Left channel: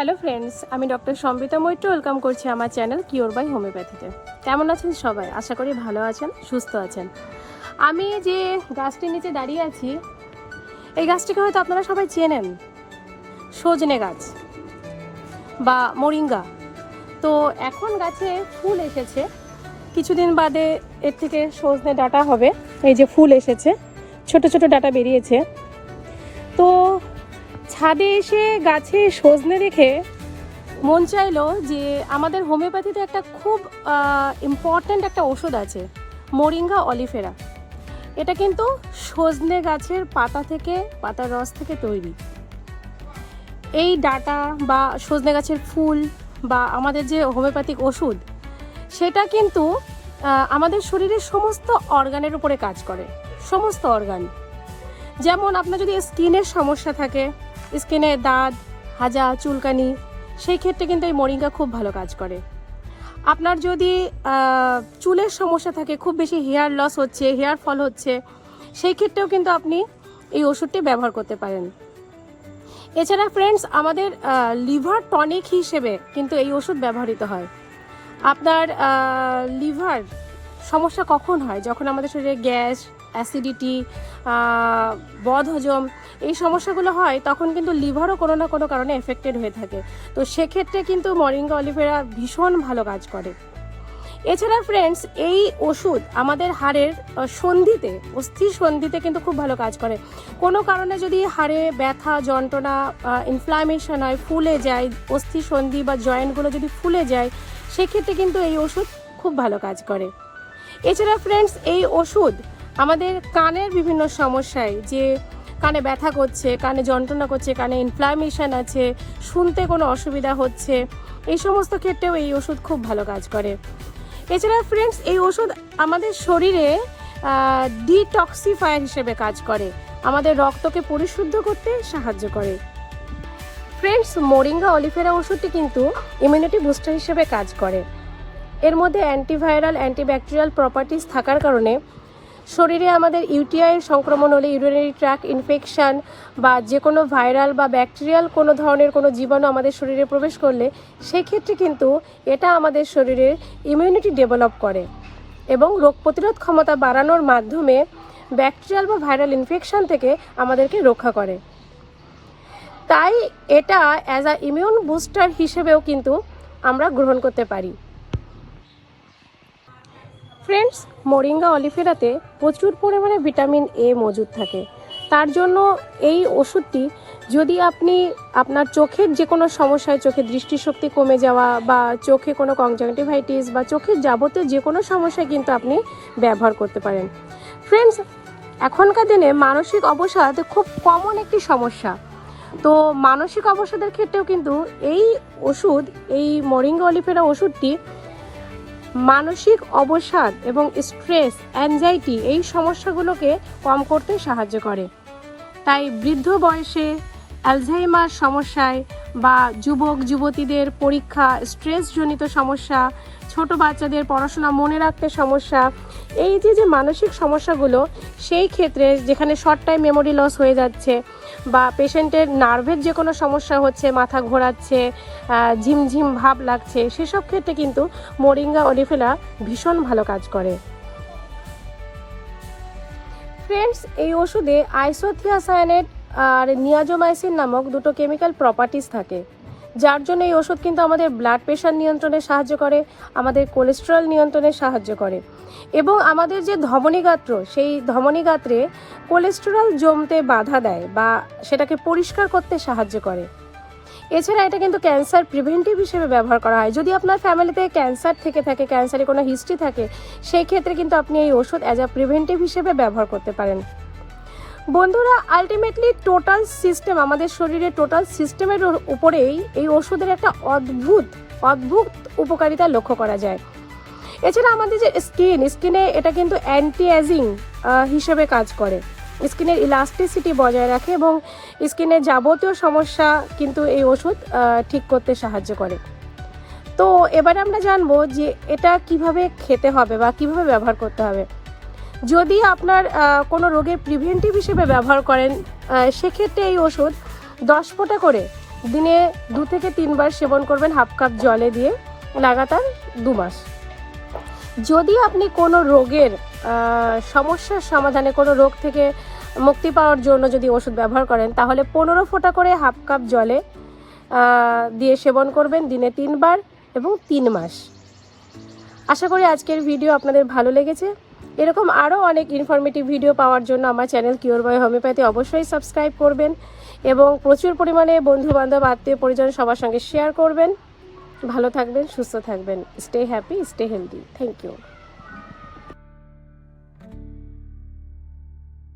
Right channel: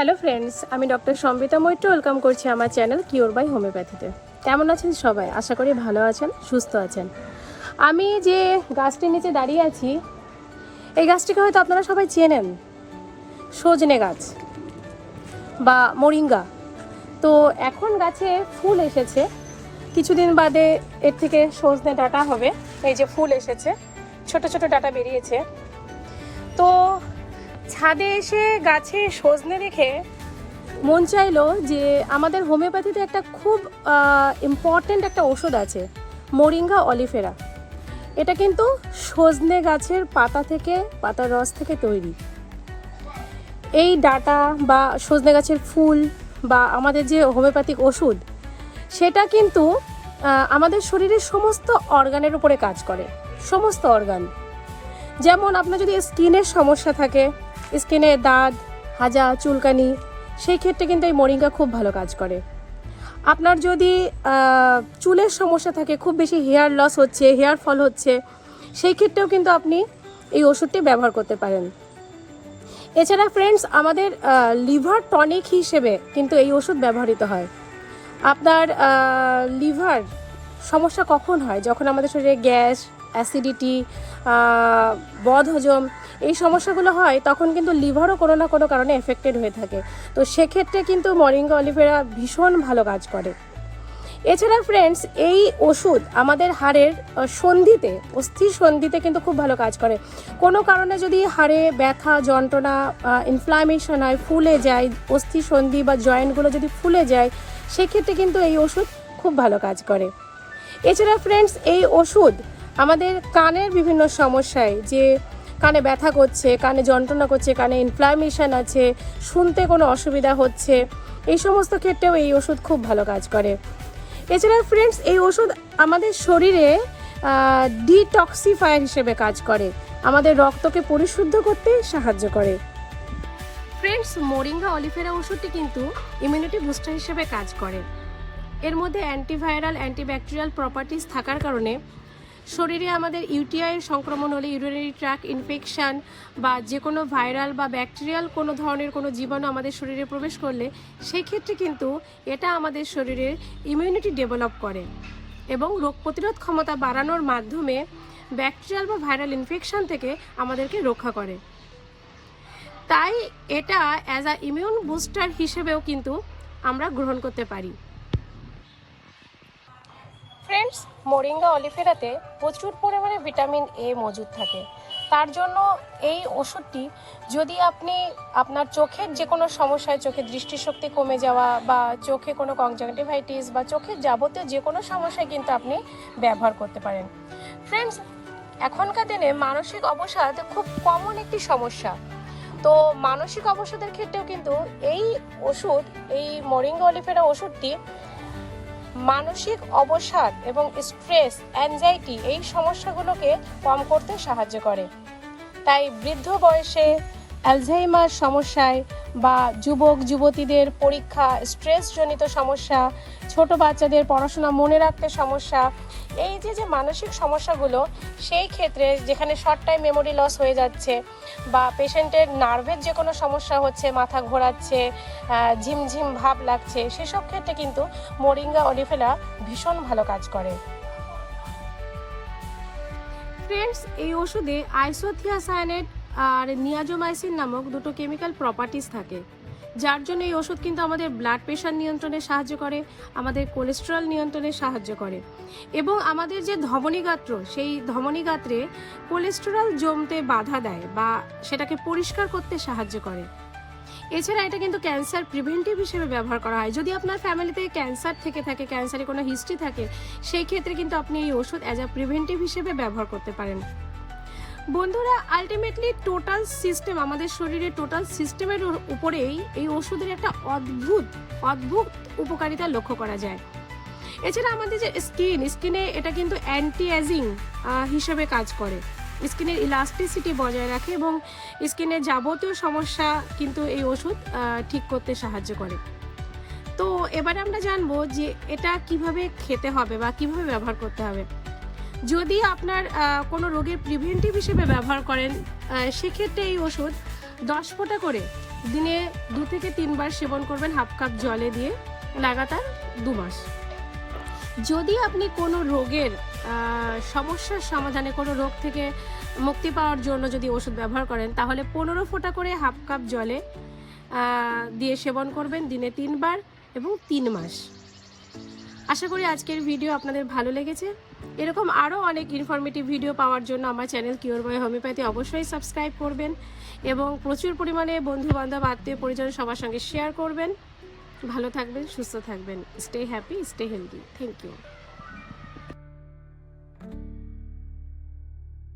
Hello friends, আমি doctor Sambita Maitra welcome করছি আমার চ্যানেল কিওর বাই হোমিওপ্যাথিতে। কেমন আছেন সবাই? আশা করি ভালো আছেন, সুস্থ আছেন। আমি যে গাছটির নিচে দাঁড়িয়ে আছি, এই গাছটিকে হয়তো আপনারা সবাই চেনেন, সজনে গাছ বা মোরিঙ্গা। তো এখন গাছে ফুল এসেছে, কিছুদিন বাদে এর থেকে সজনে ডাঁটা হবে। এই যে ফুল এসেছে, ছোট ছোট ডাঁটা বেরিয়েছে। তো ছাদে এসে গাছে সজনে দেখে মন চাইলো যে আমাদের হোমিওপ্যাথিতে একটা খুব ইম্পর্ট্যান্ট একটা ওষুধ আছে, মোরিঙ্গা অলিফেরা। এটা কিন্তু সজনে গাছের পাতার রস থেকে তৈরি। এই ডাঁটা বা সজনে গাছের ফুল বা আমাদের যে হোমিওপ্যাথিক ওষুধ, সেটা কিন্তু আমাদের শরীরের সমস্ত অর্গানের উপরে কাজ করে, সমস্ত অর্গান। যেমন আপনার যদি স্কিনের সমস্যা থাকে, স্কিনে দাগ, হাজা, চুলকানি, সেই ক্ষেত্রে কিন্তু এই মোরিঙ্গা খুব ভালো কাজ করে। আপনার যদি চুলের সমস্যা থাকে, খুব বেশি হেয়ার লস হচ্ছে, হেয়ার ফল হচ্ছে, সেই ক্ষেত্রেও কিন্তু আপনি এই ওষুধটি ব্যবহার করতে পারেন। এছাড়া ফ্রেন্ডস, আমাদের লিভার টনিক হিসেবে কিন্তু এই ওষুধ ব্যবহৃত হয়। আপনার লিভার সমস্যা কখন হয়? যখন আমাদের শরীরে গ্যাস, অ্যাসিডিটি, বদহজম এই সমস্যাগুলো হয়, তখন কিন্তু লিভারও কোনো না কোনো কারণে এফেক্টেড হয়ে থাকে। তো সেক্ষেত্রে কিন্তু মোরিঙ্গা অলিফেরা ভীষণ ভালো কাজ করে। এছাড়া ফ্রেন্ডস, এই ওষুধ আমাদের হাড়ের সন্ধিতে, অস্থির সন্ধিতে কিন্তু খুব ভালো কাজ করে। কোনো কারণে যদি হাড়ে ব্যথা, যন্ত্রণা, ইনফ্লামেশন হয়, ফুলে যায়, অস্থি সন্ধি বা জয়েন্টগুলো যদি ফুলে যায়, সেক্ষেত্রে কিন্তু এই ওষুধ খুব ভালো কাজ করে। এছাড়া ফ্রেন্ডস, এই ওষুধ আমাদের কানের বিভিন্ন সমস্যায়, যে কানে ব্যথা করছে, কানে যন্ত্রণা করছে, কানে ইনফ্লামেশন আছে, শুনতে কোনো অসুবিধা হচ্ছে, এই সমস্ত ক্ষেত্রেও এই ওষুধ খুব ভালো কাজ করে। এছাড়া ফ্রেন্ডস, এই ওষুধ আমাদের শরীরে ডিটক্সিফায়ার হিসেবে কাজ করে, আমাদের রক্তকে পরিশুদ্ধ করতে সাহায্য করে। ফ্রেন্ডস, মোরিঙ্গা অলিফেরা ওষুধটি কিন্তু ইমিউনিটি বুস্টার হিসেবে কাজ করে। এর মধ্যে অ্যান্টিভাইরাল, অ্যান্টিব্যাকটেরিয়াল প্রপার্টিস থাকার কারণে শরীরে আমাদের ইউটিআইয়ের সংক্রমণ হলে, ইউরিনারি ট্র্যাক্ট ইনফেকশান বা যে কোনো ভাইরাল বা ব্যাকটেরিয়াল কোনো ধরনের কোনো জীবাণু আমাদের শরীরে প্রবেশ করলে, সেই ক্ষেত্রে কিন্তু এটা আমাদের শরীরের ইমিউনিটি ডেভেলপ করে এবং রোগ প্রতিরোধ ক্ষমতা বাড়ানোর মাধ্যমে ব্যাকটেরিয়াল বা ভাইরাল ইনফেকশান থেকে আমাদেরকে রক্ষা করে। তাই এটা অ্যাজ আ ইমিউন বুস্টার হিসেবেও কিন্তু আমরা গ্রহণ করতে পারি। ফ্রেন্ডস, মোরিঙ্গা অলিফেরাতে প্রচুর পরিমাণে ভিটামিন এ মজুদ থাকে। তার জন্য এই ওষুধটি যদি আপনি আপনার চোখের যে কোনো সমস্যায়, চোখের দৃষ্টিশক্তি কমে যাওয়া বা চোখে কোনো কনজাংটিভাইটিস বা চোখের যাবতীয় যে কোনো সমস্যায় কিন্তু আপনি ব্যবহার করতে পারেন। ফ্রেন্ডস, এখনকার দিনে মানসিক অবসাদ খুব কমন একটি সমস্যা। তো মানসিক অবসাদের ক্ষেত্রেও কিন্তু এই ওষুধ, এই মোরিঙ্গা অলিফেরা ওষুধটি মানসিক অবসাদ এবং স্ট্রেস, অ্যাংজাইটি এই সমস্যাগুলোকে কম করতে সাহায্য করে। তাই বৃদ্ধ বয়সে অ্যালঝাইমার সমস্যায় বা যুবক যুবতীদের পরীক্ষা, স্ট্রেসজনিত সমস্যা, ছোট বাচ্চাদের পড়াশোনা মনে রাখতে সমস্যা, এই যে মানসিক সমস্যাগুলো, সেই ক্ষেত্রে যেখানে শর্ট টাইম মেমোরি লস হয়ে যাচ্ছে বা পেশেন্টের নার্ভের যে কোনো সমস্যা হচ্ছে, মাথা ঘোরাচ্ছে, ঝিমঝিম ভাব লাগছে, সেসব ক্ষেত্রে কিন্তু মোরিঙ্গা অলিফেরা ভীষণ ভালো কাজ করে। ফ্রেন্ডস, এই ওষুধে আইসোথিয়াসায়ানেট আর নিয়াজোমাইসিন নামক দুটো কেমিক্যাল প্রপার্টিস থাকে, যার জন্য এই ওষুধ কিন্তু আমাদের ব্লাড প্রেশার নিয়ন্ত্রণে সাহায্য করে, আমাদের কোলেস্টেরল নিয়ন্ত্রণে সাহায্য করে এবং আমাদের যে ধমনীগাত্র, সেই ধমনীগাত্রে কোলেস্টেরল জমতে বাধা দেয় বা সেটাকে পরিষ্কার করতে সাহায্য করে। এছাড়া এটা কিন্তু ক্যান্সার প্রিভেন্টিভ হিসেবে ব্যবহার করা হয়। যদি আপনার ফ্যামিলিতে ক্যান্সার থেকে থাকে, ক্যান্সারের কোনো হিস্ট্রি থাকে, সেই ক্ষেত্রে কিন্তু আপনি এই ওষুধ অ্যাজ আ প্রিভেন্টিভ হিসেবে ব্যবহার করতে পারেন। বন্ধুরা, আলটিমেটলি টোটাল সিস্টেম, আমাদের শরীরের টোটাল সিস্টেমের উপরেই এই ওষুধের একটা অদ্ভুত উপকারিতা লক্ষ্য করা যায়। এছাড়া আমাদের যে স্কিনে এটা কিন্তু অ্যান্টি এজিং হিসেবে কাজ করে, স্কিনের ইলাস্টিসিটি বজায় রাখে এবং স্কিনের যাবতীয় সমস্যা কিন্তু এই ওষুধ ঠিক করতে সাহায্য করে। তো এবারে আমরা জানবো যে এটা কিভাবে খেতে হবে বা কিভাবে ব্যবহার করতে হবে। যদি আপনার কোনো রোগের প্রিভেন্টিভ হিসেবে ব্যবহার করেন, সেক্ষেত্রে এই ওষুধ 10 ফোঁটা করে দিনে 2 থেকে 3 বার সেবন করবেন হাফ কাপ জলে দিয়ে, লাগাতার 2 মাস। যদি আপনি কোনো রোগের সমস্যার সমাধানে, কোনো রোগ থেকে মুক্তি পাওয়ার জন্য যদি ওষুধ ব্যবহার করেন, তাহলে 15 ফোঁটা করে হাফ কাপ জলে দিয়ে সেবন করবেন দিনে 3 বার এবং 3 মাস। আশা করি আজকের ভিডিও আপনাদের ভালো লেগেছে। এরকম আরও অনেক ইনফরমেটিভ ভিডিও পাওয়ার জন্য আমার চ্যানেল কিওর বাই হোমিওপ্যাথি অবশ্যই সাবস্ক্রাইব করবেন এবং প্রচুর পরিমাণে বন্ধুবান্ধব, আত্মীয় পরিজন সবার সঙ্গে শেয়ার করবেন। ভালো থাকবেন, সুস্থ থাকবেন। Stay happy, stay healthy. Thank you.